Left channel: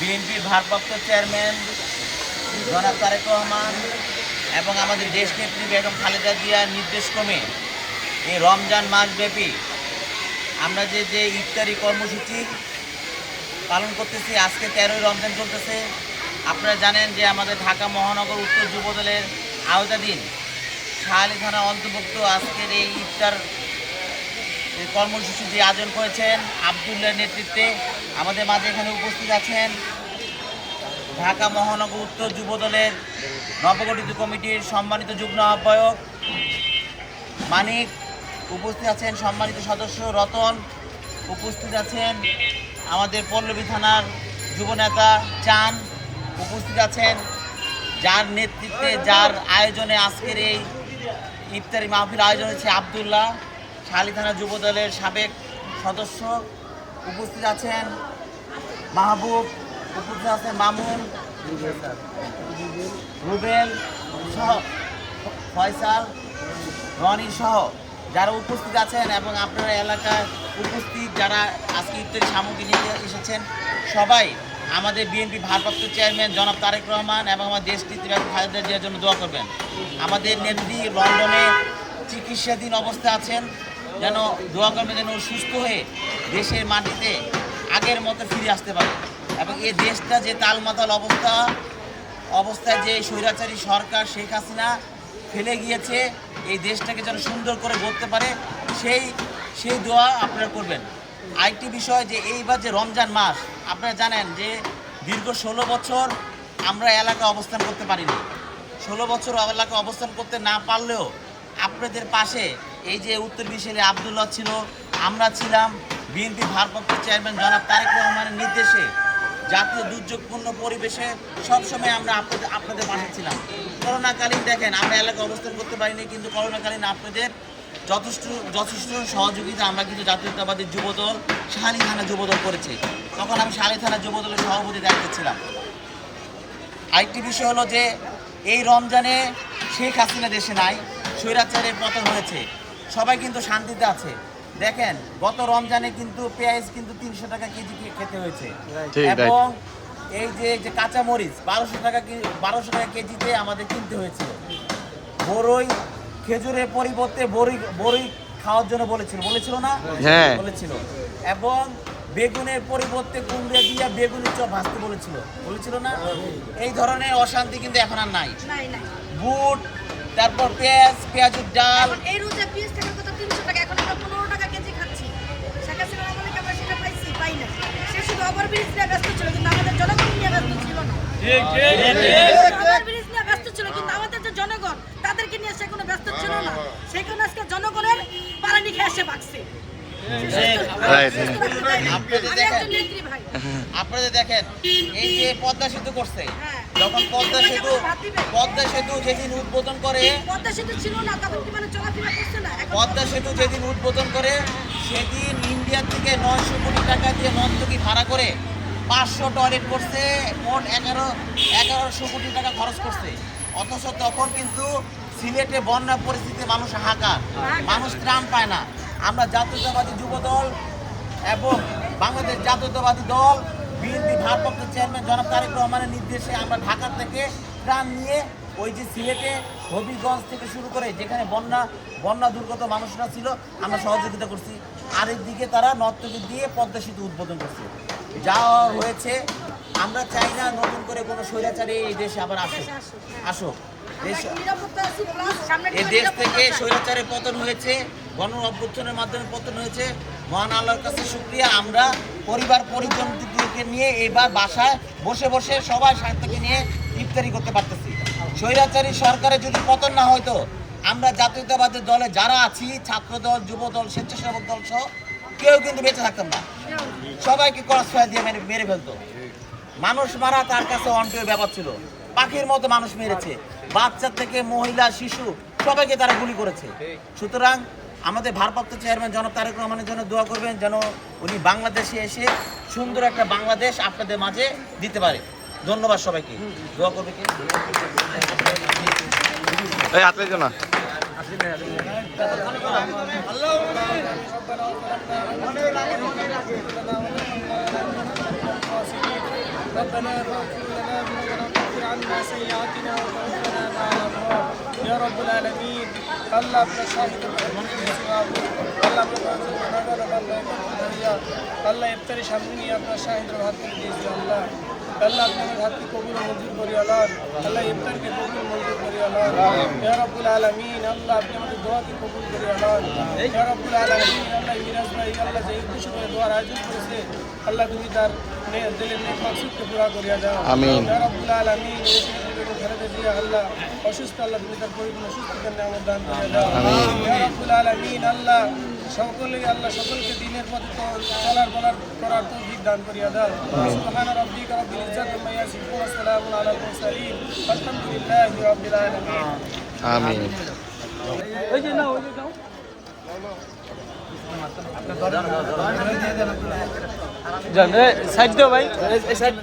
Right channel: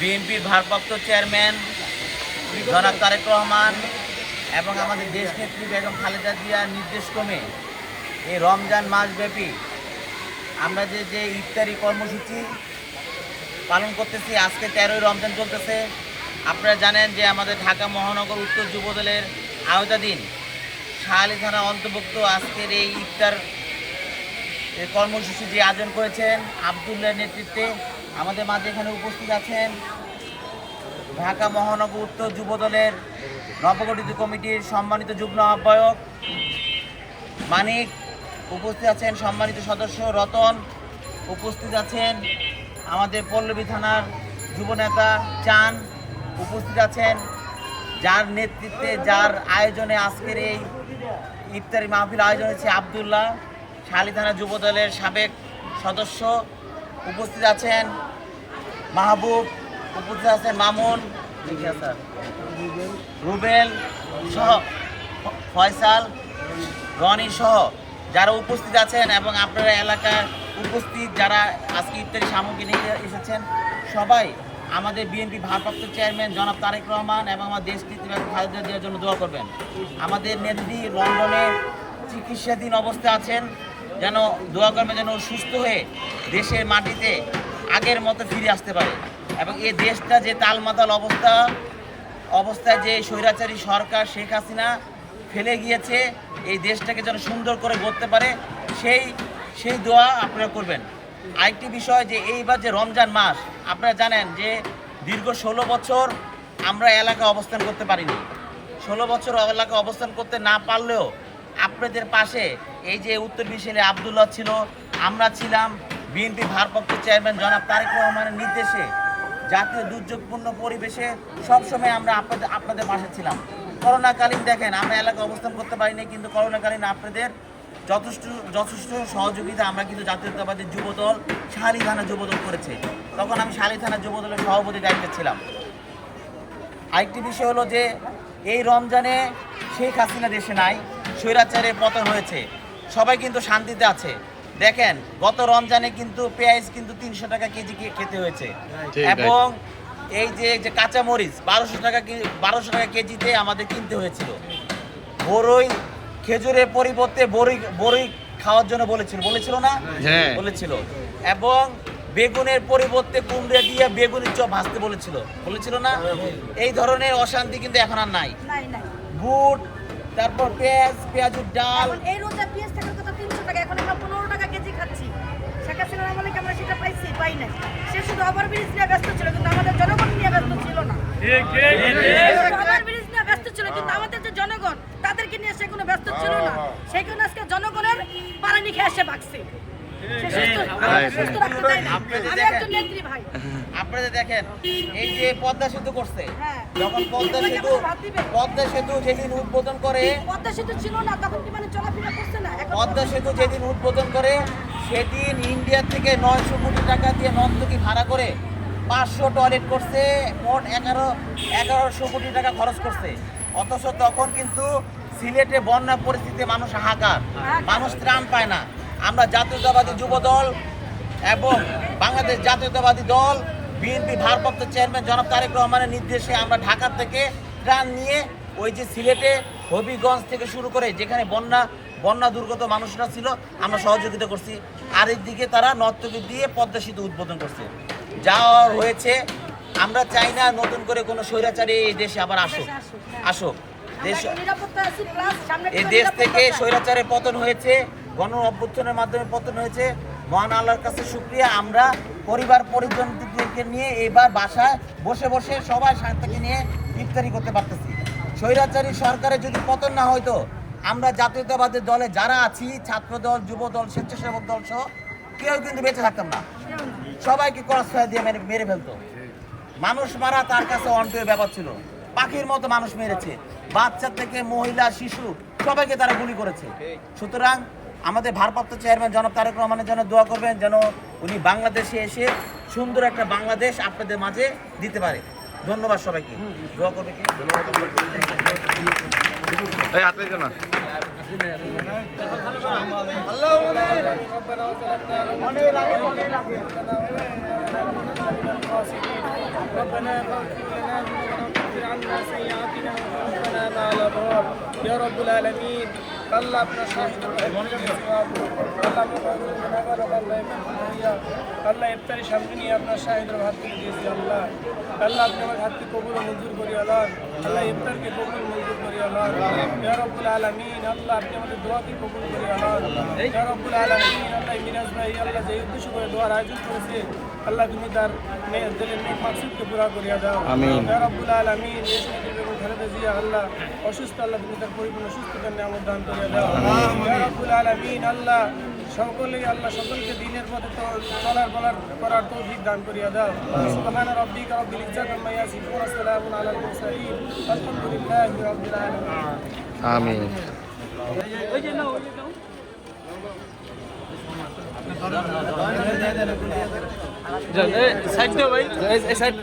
বিএনপির ভারপ্রাপ্ত চেয়ারম্যান জনাব তারেক রহমান এবং আমাদের দেশনেত্রী বেগম খালেদা জিয়ার নির্দেশক্রমে এই রমজান মাসব্যাপী আমরা যে ইফতারি কর্মসূচি পালন করতেছি, আজকে 13ই রমজান চলতেছে। আপনারা জানেন যে আমাদের ঢাকা মহানগর উত্তর যুবদলের আওতাধীন শাহালি থানা অন্তর্ভুক্ত আজকের এই ইফতার কর্মসূচি যে আয়োজন করেছেন আবদুল্লাহর নেতৃত্বে। আমাদের মাঝে এখানে উপস্থিত আছেন ঢাকা মহানগর উত্তর যুবদলের নবগঠিত কমিটির সম্মানিত যুগ্ম আহ্বায়ক মানিক, উপস্থিত আছেন সম্মানিত সদস্য রতন, উপস্থিত আছেন আমাদের পল্লবী থানার যুবনেতা চান, উপস্থিত আছেন যার নেতৃত্বে যার আয়োজনে আজকের এই ইফতারি মাহফিল আয়োজন হয়েছে আবদুল্লাহ, শাহালি থানা যুবদলের সাবেক সদস্য, উপস্থিত আছেন মাহবুব, উপস্থিত আছেন মামুন, রুবেল সহ ফয়সাল, রনি সহ যারা উপস্থিত আছেন এবং আপনারা এলাকার উপস্থিত যারা আজকে ইফতারি সামগ্রী নিতে এসেছেন, সবাই আমাদের বিএনপি ভারপ্রাপ্ত চেয়ারম্যান জনাব তারেক রহমান এবং আমার দেশনেত্রী বেগম খালেদা জিয়ার জন্য দোয়া করবেন। আমাদের নেত্রী লন্ডনে চিকিৎসাধীন অবস্থায় আছেন, যেন দোয়া করবেন যেন সুস্থ হয়ে দেশের মাটিতে আগের মতো ফিরে আসতে পারে এবং এই দেশটা যে তালমাতাল অবস্থায় যে স্বৈরাচারী সরকার শেখ হাসিনা ফেলে গিয়েছে, এই দেশটাকে যেন সুন্দর করে গড়তে পারে সেই দোয়া আপনারা করবেন। আরেকটি বিষয় যে এইবার যে রমজান মাস, আপনারা জানেন যে দীর্ঘ 16 বছর আমরা এলাকায় অবস্থান করতে পারিনি। 16 বছর এলাকায় অবস্থান করতে না পারলেও আপনাদের পাশে এই যে উত্তর বিশালে আবদুল্লাহ ছিল, আমরা ছিলাম, বিএনপি ভারপ্রাপ্ত চেয়ারম্যান জনাব তারেক রহমানের নির্দেশে জাতীয় দুর্যোগপূর্ণ পরিবেশে সবসময় আমরা আপনাদের পাশে ছিলাম। করোনাকালীন দেখেন আমরা এলাকায় অবস্থান করতে পারিনি, কিন্তু করোনাকালীন আপনাদের যথেষ্ট সহযোগিতা আমরা কিন্তু জাতীয়তাবাদী যুবদল শাহালি থানা যুবদল করেছে। তখন আমি শাহালি থানা যুবদলের সভাপতির দায়িত্বে ছিলাম। আরেকটি বিষয় হলো যে এই রমজানে শেখ হাসিনা দেশে নাই, স্বৈরাচারের পতন হয়েছে, সবাই কিন্তু শান্তিতে আছে। দেখেন গত রমজানে কিন্তু পেঁয়াজ কিন্তু 300 টাকা কেজি খেতে হয়েছে এবং এই যে কাঁচা মরিচ 1200 টাকা কেজিতে আমাদের কিনতে হয়েছিল। বড়ই খেজুরের পরিবর্তে বড়ই খাওয়ার জন্য বলেছিল না, বলেছিল, এবং বেগুনের পরিবর্তে কুমড়া দিয়ে বেগুনের চপ ভাজতে বলেছিল না। এই ধরনের অশান্তি কিন্তু এখন আর নাই। বুট, তারপর পেঁয়াজের ডাল, এই রোজা পেঁয়াজ থাকার কথা 300 টাকা, এখন আমরা 15 টাকা কেজি খাচ্ছি। শেখ হাসিনার আমলে আমরা সেটা পাই না। সে শুধু ওভারব্রিজ নিয়ে ব্যস্ত ছিল, কিন্তু আমাদের জনগণ নিয়ে ব্যস্ত ছিল না। ওভারব্রিজ নিয়ে ব্যস্ত ছিল, কিন্তু আমাদের যে জনগণ তাদেরকে নিয়ে সে কোনো ব্যস্ত ছিল না। সেই কারণে আজকে জনগণের পালানি খেয়ে এসে বাঁচছে। আপনাদের দেখেন এই যে পদ্মা সেতু করছে, যখন পদ্মা সেতু যেদিন উদ্বোধন করে, পদ্মা সেতু যেদিন উদ্বোধন করে সেদিন ইন্ডিয়া থেকে 900 কোটি টাকা দিয়ে নর্তকী ভাড়া করে 500 টয়লেট করছে, মোট 1100 কোটি টাকা খরচ করছে। অথচ তখন কিন্তু সিলেটে বন্যা পরিস্থিতিতে মানুষ হাহাকার, মানুষ ত্রাণ পায় না। আমরা জাতীয়তাবাদী যুবদল এবং বাংলাদেশ জাতীয়তাবাদী দল বিএনপি ভারপ্রাপ্ত চেয়ারম্যান জনাব তারেক রহমানের নির্দেশে আমরা ঢাকা থেকে ত্রাণ নিয়ে ওই যে সিলেটে হবিগঞ্জ থেকে শুরু করে যেখানে বন্যা দুর্গত মানুষরা ছিল আমরা সহযোগিতা করছি। আরেকদিকে তারা নর্তকী দিয়ে পদ্মা সেতু উদ্বোধন করছে। যা হয়েছে, আমরা চাই না নতুন করে কোনো স্বৈরাচারী এই দেশে আবার আসুক। এই দেশ থেকে স্বৈরাচারের পতন হয়েছে, গণ অভ্যুত্থানের মাধ্যমে পতন হয়েছে। মহান আল্লাহর কাছে শুকরিয়া, আমরা পরিবার পরিজনকে নিয়ে এবার বাসায় বসে সবাই শান্তিকে নিয়ে ইফতারি করতে পারতেছি। স্বৈরাচারী সরকারের যদি পতন না হয়তো আমরা জাতীয়তাবাদী দলে যারা আছি, ছাত্রদল, যুবদল, স্বেচ্ছাসেবক দল সহ কেউ কিন্তু বেঁচে থাকতাম না। সবাইকে ক্রসফায়ার দিয়ে মেরে ফেলতো। মানুষ মারা তার কাছে অন্যায় ব্যাপার ছিল। পাখির মতো মানুষ মেরেছে, বাচ্চা থেকে মহিলা, শিশু সবাইকে তারা গুলি করেছে। সুতরাং আমাদের ভারপ্রাপ্ত চেয়ারম্যান জনাব তারেক রহমানের জন্য দোয়া করবেন, যেন উনি বাংলাদেশে এসে সুন্দর একটা বাংলাদেশ আপনাদের মাঝে দিতে পারে। ধন্যবাদ সবাইকে। দোয়া করবে কি? ربنا فاغفر لنا ذنوبنا وكفر عنا سيئاتنا وتوفنا مع الأبرار يا رب العالمين আল্লাহ আপনার শাহিদ আল্লাহ আল্লাহ ইফতারি সামনে নিয়ে আপনার শাহিদের ভাত তুলে দিয়েছি আল্লাহ আল্লাহ আপনি আমার হাতকে কবুল ও মঞ্জুর করি আল্লাহ আল্লাহ ইফতারকে কবুল মঞ্জুর করি আল্লাহ ইয়া রব্বুল আলামিন আল্লাহ আপনি আমাদের দোয়াকে কবুল করি আল্লাহ ইয়া রব্বুল আলামিন আল্লাহ মিরাজ ভাই আল্লাহ যে উদ্দেশ্য করে দোয়ার আয়োজন করেছে আল্লাহ তুমি তার দিলের নেক মাকসুদকে পুরা করিয়া দাও আমিন ইয়া রব্বুল আলামিন দেশনেত্রী বেগম খালেদা জিয়া আল্লাহ অসুস্থ আল্লাহ তুমি তার পরিপূর্ণ সুস্থতার নিয়ামত দান করিয়া দাও আমিন ইয়া রব্বুল আলামিন আল্লাহ সকলকে দিনের পথে চলার বলার করার তৌফিক দান করিয়া দাও সুবহানা রাব্বিকা রাব্বিল ইজ্জাতি আম্মা ইয়াসিফুন ওয়া সালামুন আলাল মুরসালিন আলহামদুলিল্লাহি রাব্বিল আলামিন আমিন। ওই যে নাও জান সাইড দাও ভাই এই সাইড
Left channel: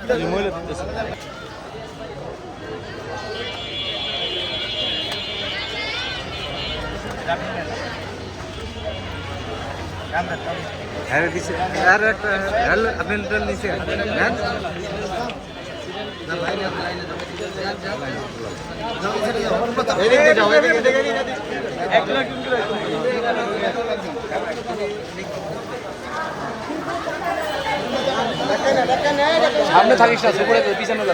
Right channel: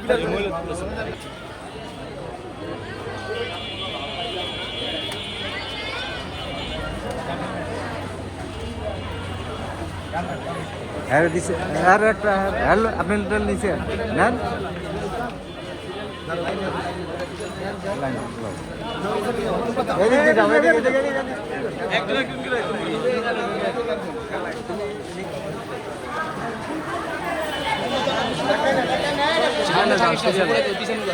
হ্যাঁ দিছে আর একটা হ্যালো আপনি লিটার নিছে নেন এদিকে যাও এদিকে সামনে থাকিস না উপরে পিছনে যা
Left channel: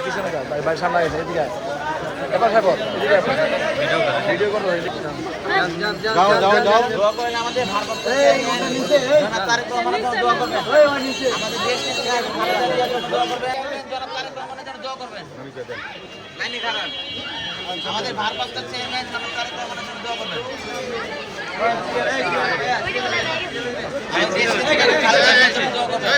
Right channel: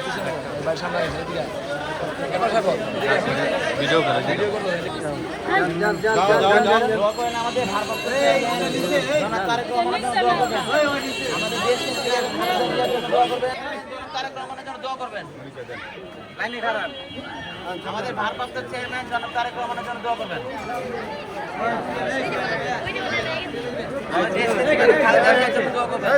ভাই সামনে এদিকে আয় এবার থাকো ভিডিও কর দোয়া করেন আমাদের ভারপ্রাপ্ত চেয়ারম্যান জনাব তারেক রহমানের জন্য দোয়া করবেন। আমাদের দেশ নেত্রী খালেদা জিয়ার জন্য দোয়া করবেন। জনাব তারেক রহমানের জন্য দোয়া করবেন। লাইনি খারাপ। আমাদের ভারপ্রাপ্ত চেয়ারম্যান জনাব তারেক রহমানের জন্য দোয়া করবেন। আমাদের দেশ নেত্রী খালেদা জিয়ার জন্য দোয়া করবেন।